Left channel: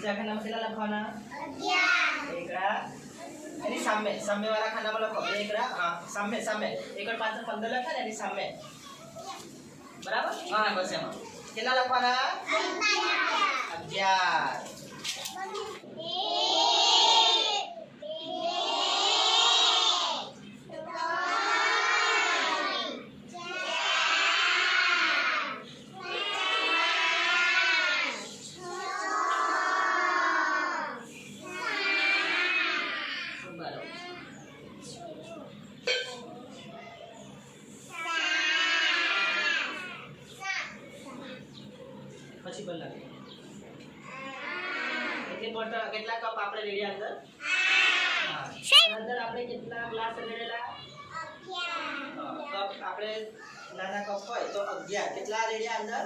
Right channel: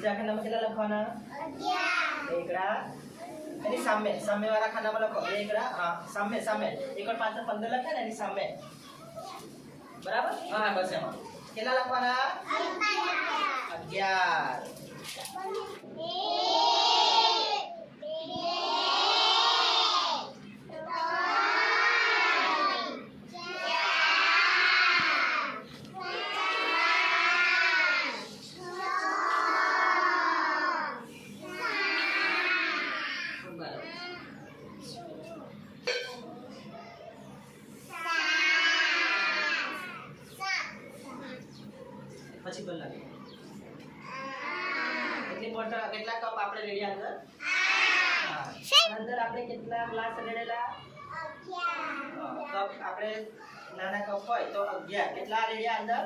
બીજા ખાનામાં કેટલા લખવાના? 11. એકડા એની સામે સામેવાળા ખાનામાં લખો એકડા. હા, સામે એકડ પાછળ 15 લખે ને એની સામે. બરાબર? હા, બસ એમાં કેટલા લખવાના? 11. પછી બોલ લાગે કેટલી બોટલ કેટલા કપ આપણે રેડી અંદર? હા, અંદર આપણે કેટલા ગ્લાસ રેડેલા? 11. કપ આપણે નાના કપ હોય તો 11. કેટલા રેડિયા અંદર?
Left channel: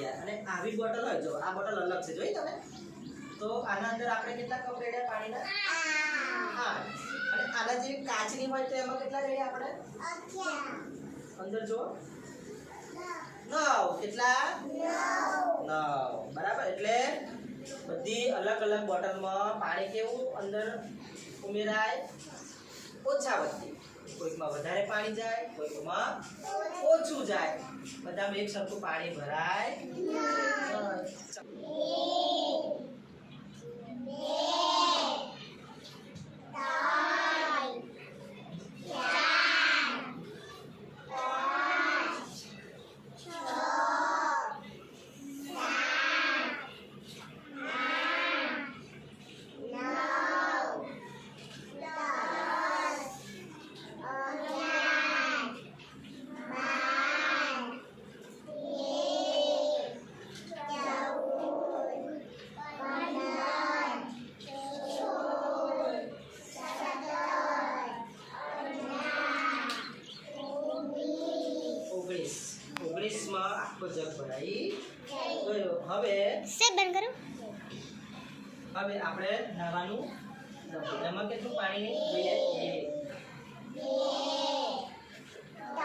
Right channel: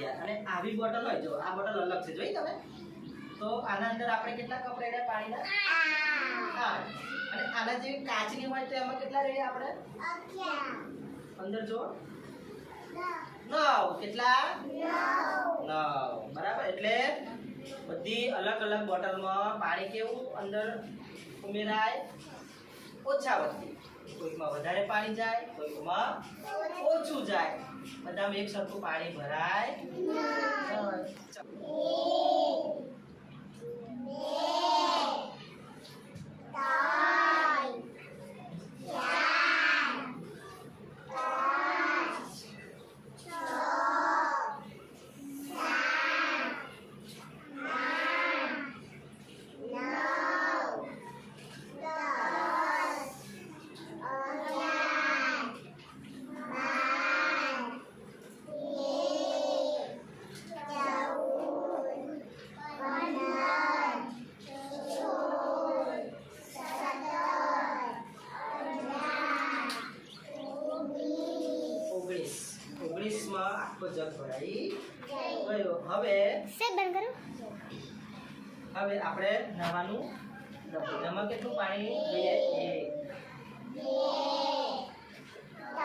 11. અને આવી બોટલ હોય, જો આ બોટલ અલગ છે, જોઈ તમે? તો આના અંદર આપણે કેટલા કપ રેડ્યા પાણીના? 8. અને આના જેવી કાચની હોય તો એમાં કેટલા રેડ્યા આપણે? 11. અંદર જો 9. કેટલા? 9. બરાબર. એટલે બધી અલગ અલગ બોટલમાં પાણી કેવું અંદર ઉમેરાય? ઓછા વત્તી. કોઈકમાં વધારે પાણી જાય, કોઈકમાં ઓછું જાય. બધામાં એક સરખું પાણી ભરાય. આખો જગ ભરાઈ ગયો. હવે બંધ કરો. હવે આપણે નાવાનું એમાં કેટલું પાણી જોઈએ? 1 2 3 4 5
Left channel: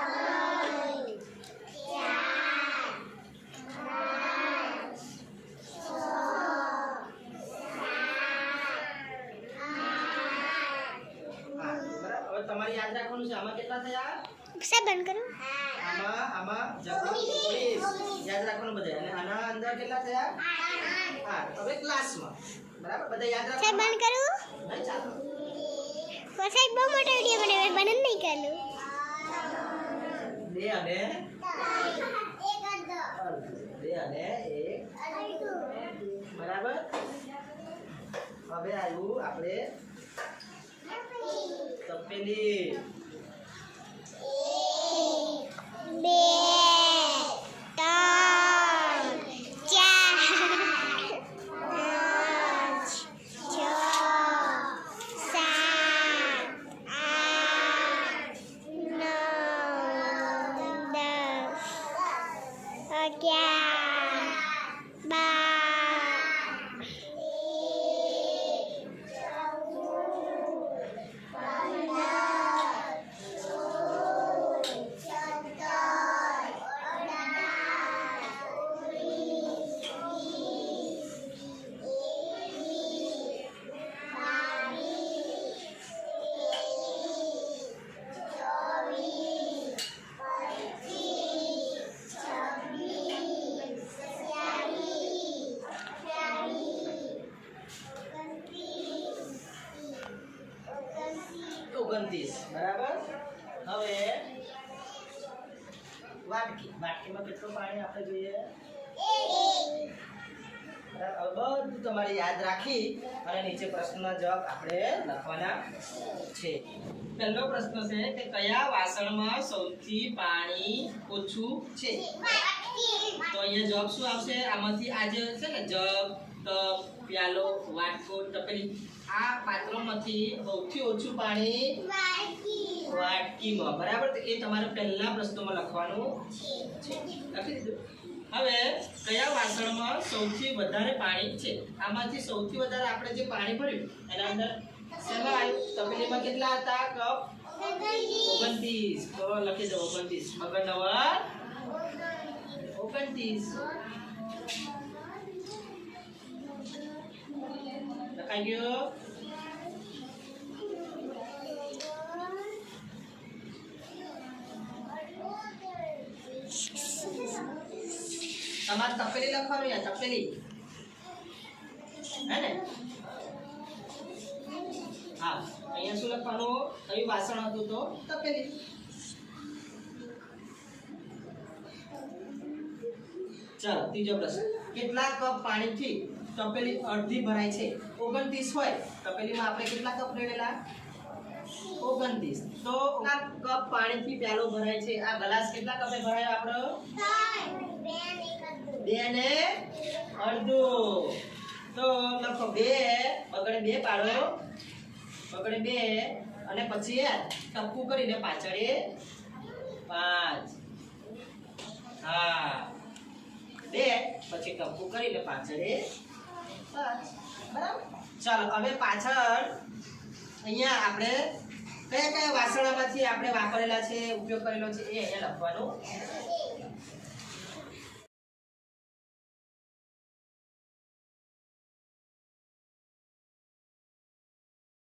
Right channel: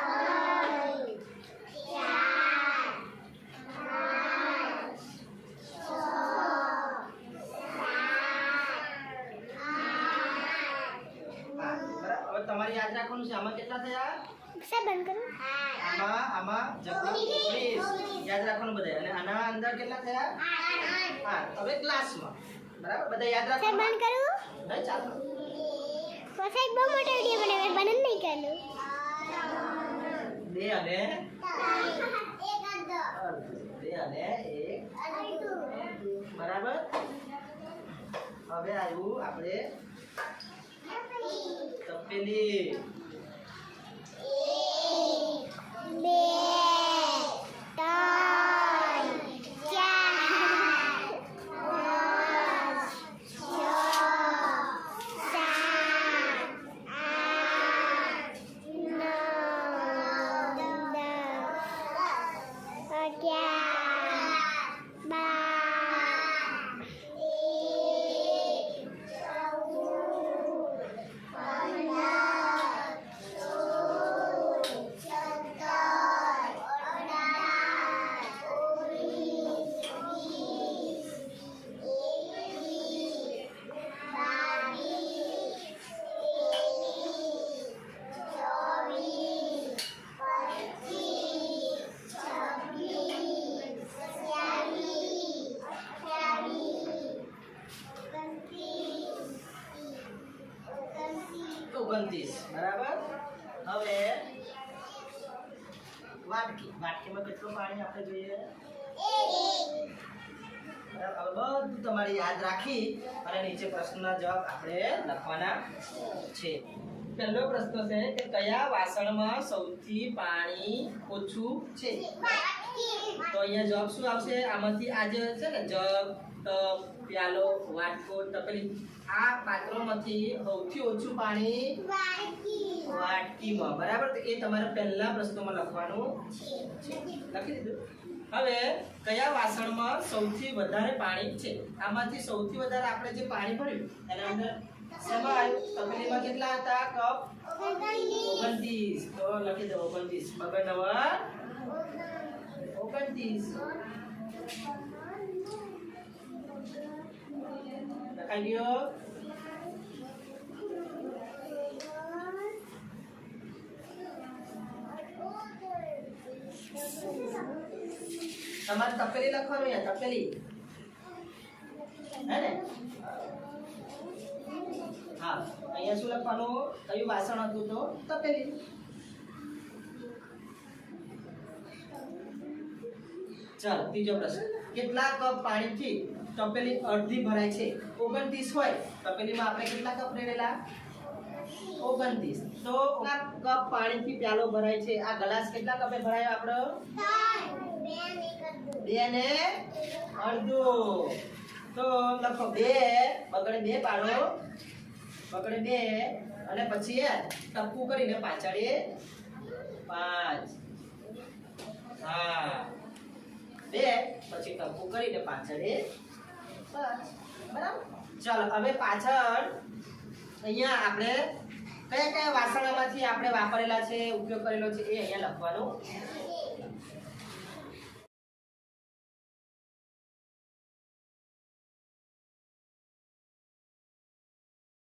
6 7 8 9 10. હવે તમારે યાદ રાખવાનું છે આમાં કેટલા થયા? બંધ કરો. આમાં જગમાં 19 યાદ રાખવાનું બધા. અને આના અંદર કેટલા થયા? 8. હવે ગ્લાસમાં બરાબર બધા યાદ રાખવાનું. બંધ કરું. નહીં ચાલો. પછી બહુ મોટો વિડિયો બનાવે બંધ નહીં કરલું. 2 અને 1 બરાબર. હવે આવ્યું આપણે તપેલી. 1 2 3 4 5 6 7 8 9 10 11 12 29 બરાબર. હવે વાટકીમાં કેટલું પાણી આપણે જોઈએ? 1. બધું તમારે યાદ રાખી અને નીચે પ્રશ્નના જવાબ આપણે લખવાના છે. પહેલો પ્રશ્ન છે કે કયા વાસણમાં સૌથી પાણી ઓછું છે? તો અહીંયા જવાબ શું આવશે? આમાંથી આ જે છે ને જગ, ટપ, પ્યાલો, વાટકો, તપેલી, આ પાત્રોમાંથી સૌથી ઓછું પાણી વાટકીમાં. બરાબર. તો એ તમારે પહેલા પ્રશ્નોમાં લખવાનું છે. લખી દીધું. હવે કયા વાસણમાં સૌથી વધારે પાણી છે? આમાંથી સૌથી વધારે આપણે જે પાણી ભર્યું એના અંદર શેમાં આવ્યું? તપેલીમાં કેટલા હતા કપ? 29. તો લખી દો 29. મગર નવા 29. આવી ગયો તમારે તપેલી લખવાનું યાર તપેલી હે ને હા અહીંયા શું લખવાનું કયું વાસણ હતું તો તપેલી ચાલો ત્રીજો પ્રશ્ન કેટલા કપ પાણીથી તપેલી અડધી ભરાય છે 29 હોય તપેલીમાં આપણે કેટલા કપ રેડેલા 29 તો આ કપ પાણીથી પ્યાલો ભરાય છે આ ગ્લાસ કેટલા કપે ભરાય આપણો 2 ને અડધો તો લખો 2 બગડે 2 પાડો બગડે 2 અને પછી યાર ટપકું કરીને પાછળે 5 હા 2 પછી ટપકું કરીને પાછળે 5 બરાબર ચાલો હવે પાછળ અહીંયા આપણે કયા કયા વાસણોમાંથી આપણે વાપરેલા છે ઉપયોગ કરેલો છે એ અહીંયા લખવાનું